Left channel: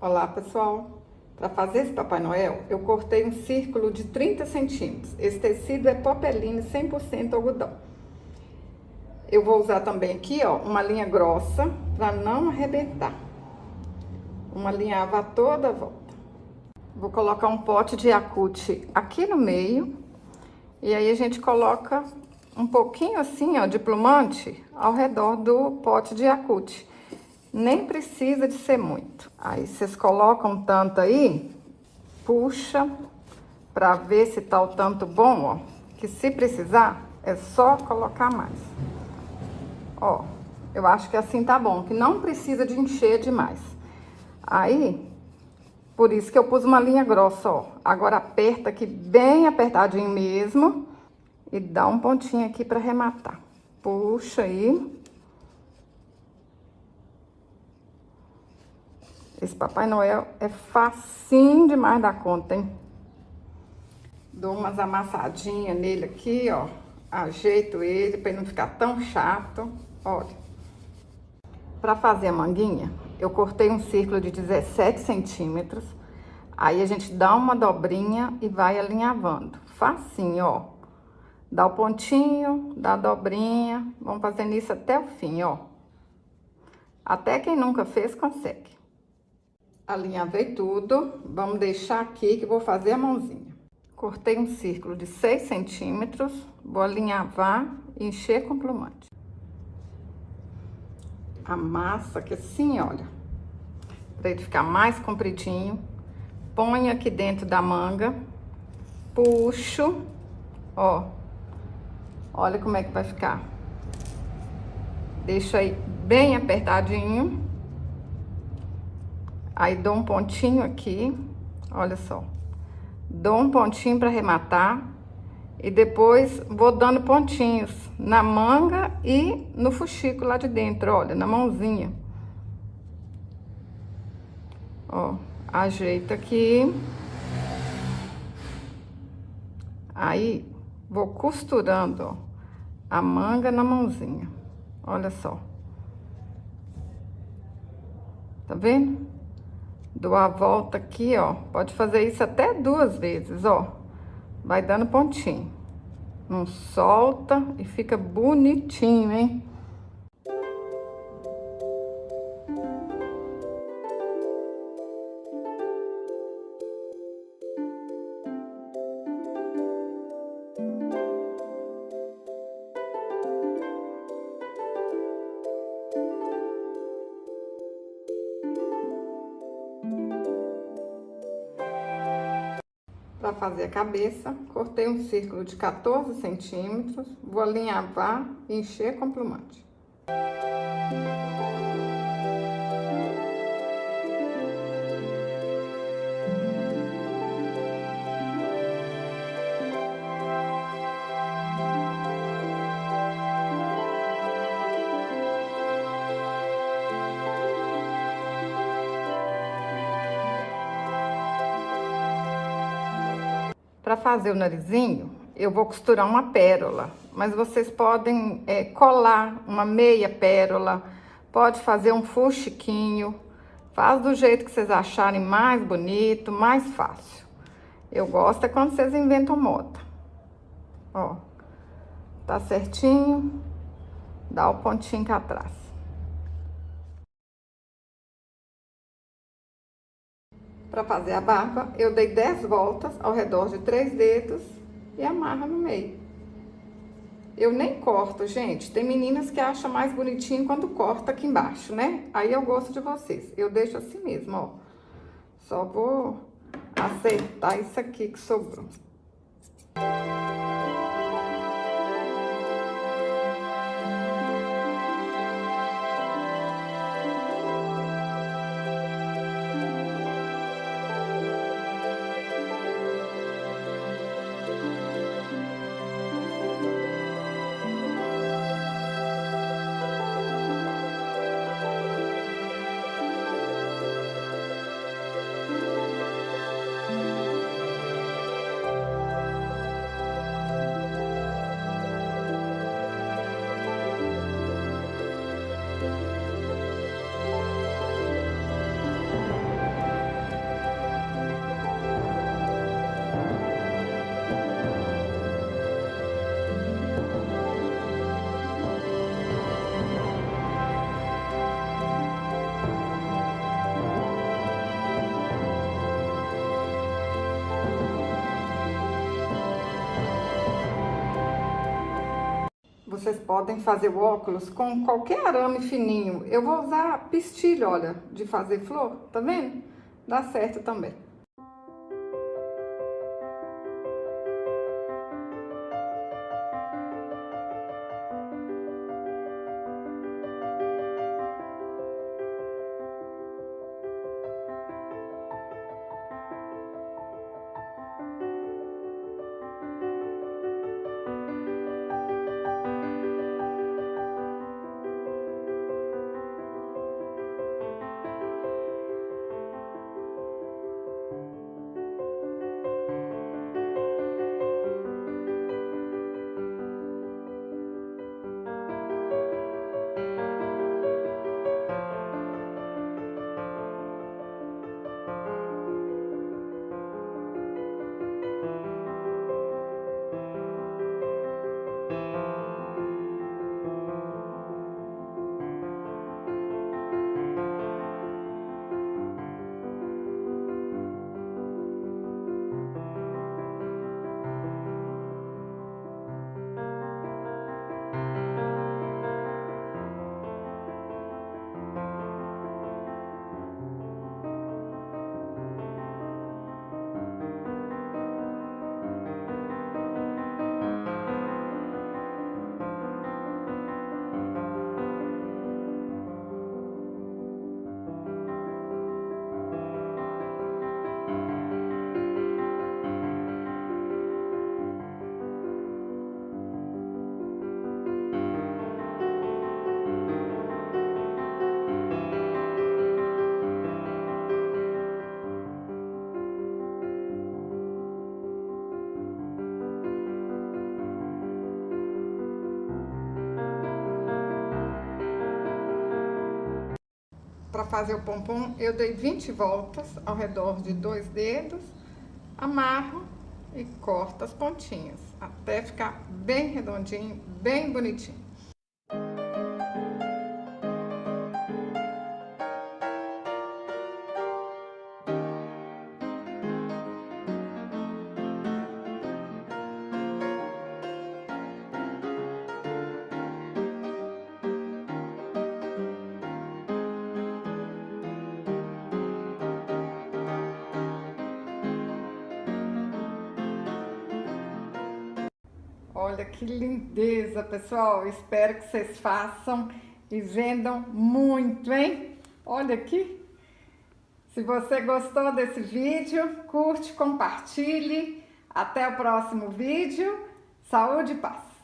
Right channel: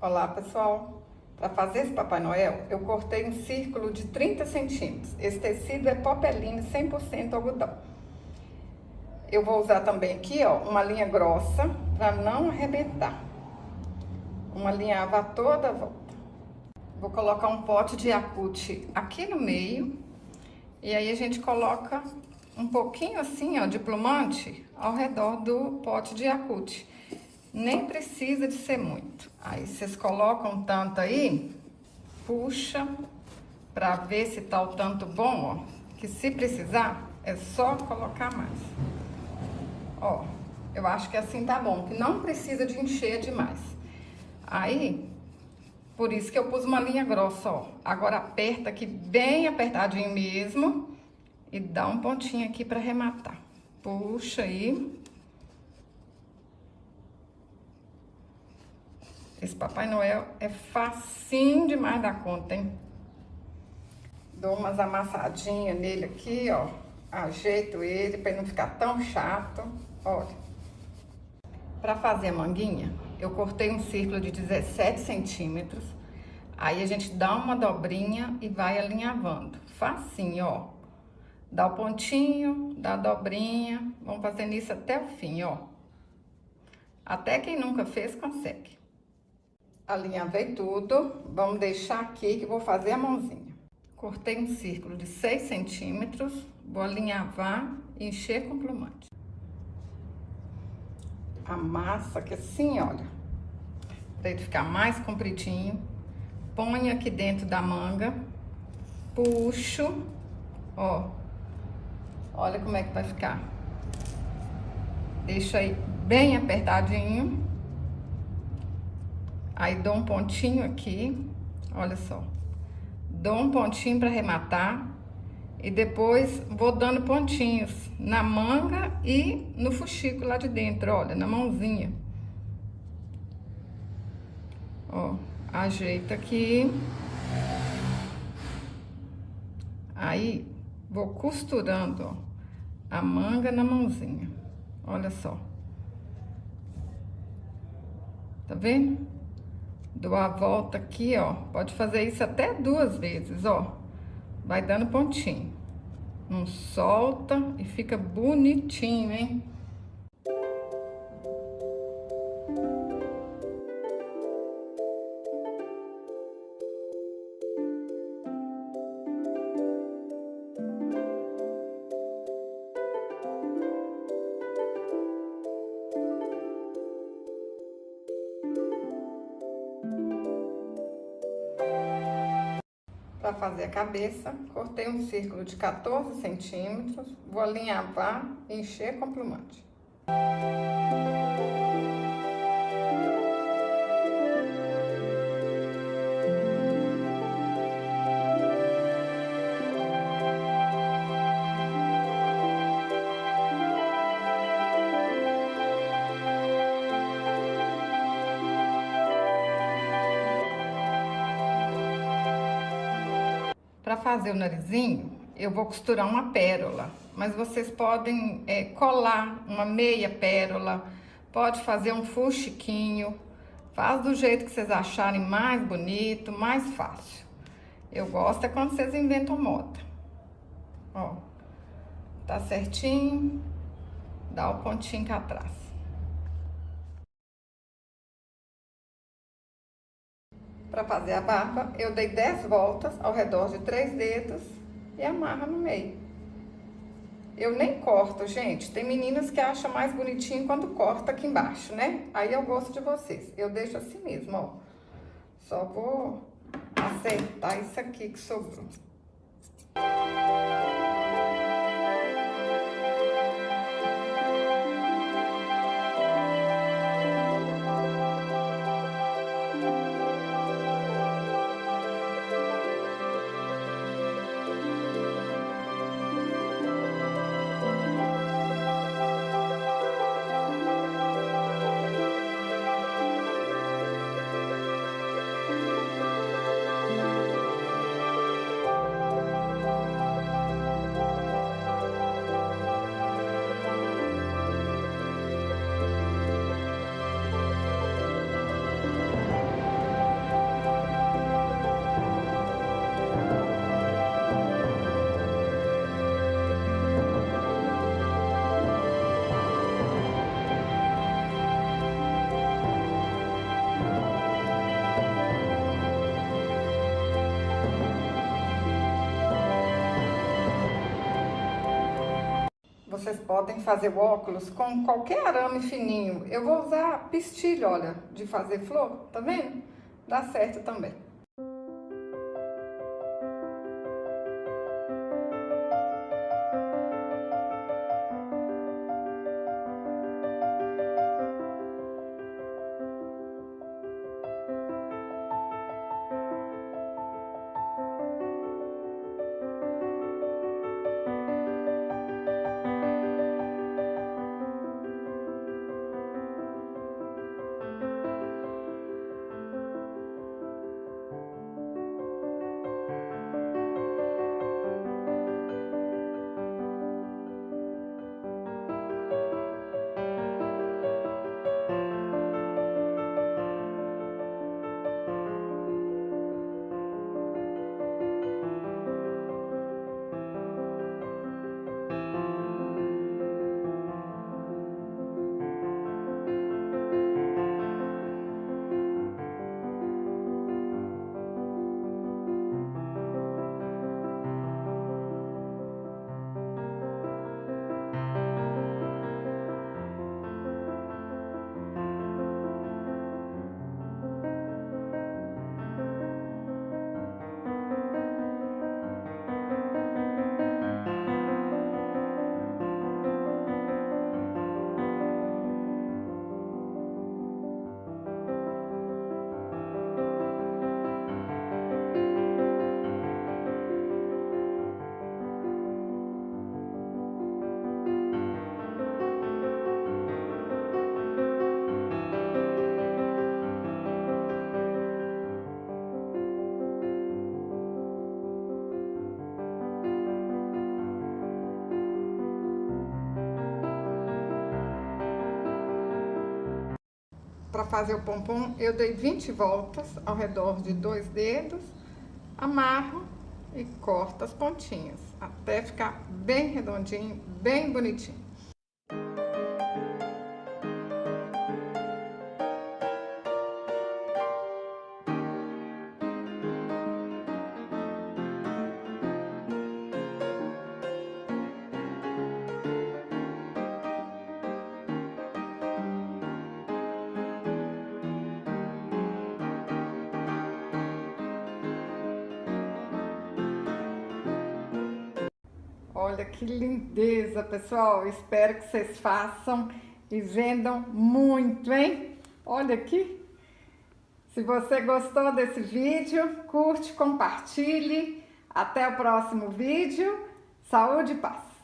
Olá, pessoal! Para fazer esse Papai Noel, eu cortei um círculo de 30 centímetros. Esse tecido é popeline 100% algodão. Eu vou usar também aqui, ó, uma linha grossa para não arrebentar. Uma linhava toda a volta. Vou colocar um pote de Yakult aqui no meio. E aí a gente coloca um pouquinho assim, ó, de plumante ao redor do pote de Yakult. Nem precisa de ser muito. Aí vocês colocam tanto aí, puxa pra ver se tá o tanto bom, ó. Que se precisar, é só colocar mais. Ó, eu acho que assim tá bom, que não precisa de encher demais. Aí, por isso que eu pus uma linha grossa, ó. Agora aperta aqui bem apertadinho mesmo e dá um pontinho aqui pra arrematar. Puxa aí. Esse Papai Noel é facinho demais da conta, hein? Dou umas amassadinhas nele aqui, ó. Ajeito ele pra ele não ficar tão chato. Olha. Pra fazer a manguinha, eu cortei um círculo de 17 centímetros. Aí a gente dá uma dobrinha e vai alinhavando. Facinho, ó. Dá o pontinho, dá a dobrinha. Vamos fazendo isso até o fim, ó. Até quem nunca fez, consegue. Alinhavei tudo, vamos deixar aqui que eu vou fazer a mãozinha. Cortei um círculo de 6 centímetros, vou alinhavar e encher com plumante. Amassa aqui assim, olha, para ele ficar mais compridinho. Põe aqui dentro da manga, puxo, ó, olha como é que vai ficar. Deixa aí bem apertadinho. Aí dou um pontinho aqui, olha só. Dou um pontinho para arrematar e depois vou dando pontinhos na manga e no fuxico lá de dentro, olha, na mãozinha. Ó, ajeita aqui. Aí vou costurando, ó, a manga na mãozinha. Olha só. Tá vendo? Dou a volta aqui, ó. Pode fazer isso até 2 vezes, ó. Vai dando pontinho. Não solta e fica bonitinho, hein? Para fazer a cabeça, cortei um círculo de 14 centímetros, vou alinhavar e encher com plumante. Para fazer o narizinho, eu vou costurar uma pérola, mas vocês podem colar uma meia pérola, pode fazer um fuxiquinho, faz do jeito que vocês acharem mais bonito, mais fácil. Eu gosto é quando vocês inventam moda. Ó, tá certinho, dá o pontinho cá atrás. Para fazer a barba, eu dei 10 voltas ao redor de 3 dedos e amarra no meio. Eu nem corto, gente. Tem meninas que acham mais bonitinho quando corta aqui embaixo, né? Aí eu gosto de vocês. Eu deixo assim mesmo, ó. Só vou acertar isso aqui que sobrou. vocês podem fazer o óculos com qualquer arame fininho. Eu vou usar pistilho, olha, de fazer flor, tá vendo? Dá certo também. Para fazer o pompom, eu dei 20 voltas ao redor de 2 dedos, amarro e corto as pontinhas, até ficar bem redondinho, bem bonitinho. Olha que lindeza, pessoal. Espero que vocês façam e vendam muito, hein? Olha aqui. Se você gostou desse vídeo, curte, compartilhe. Até o próximo vídeo. Saúde e paz.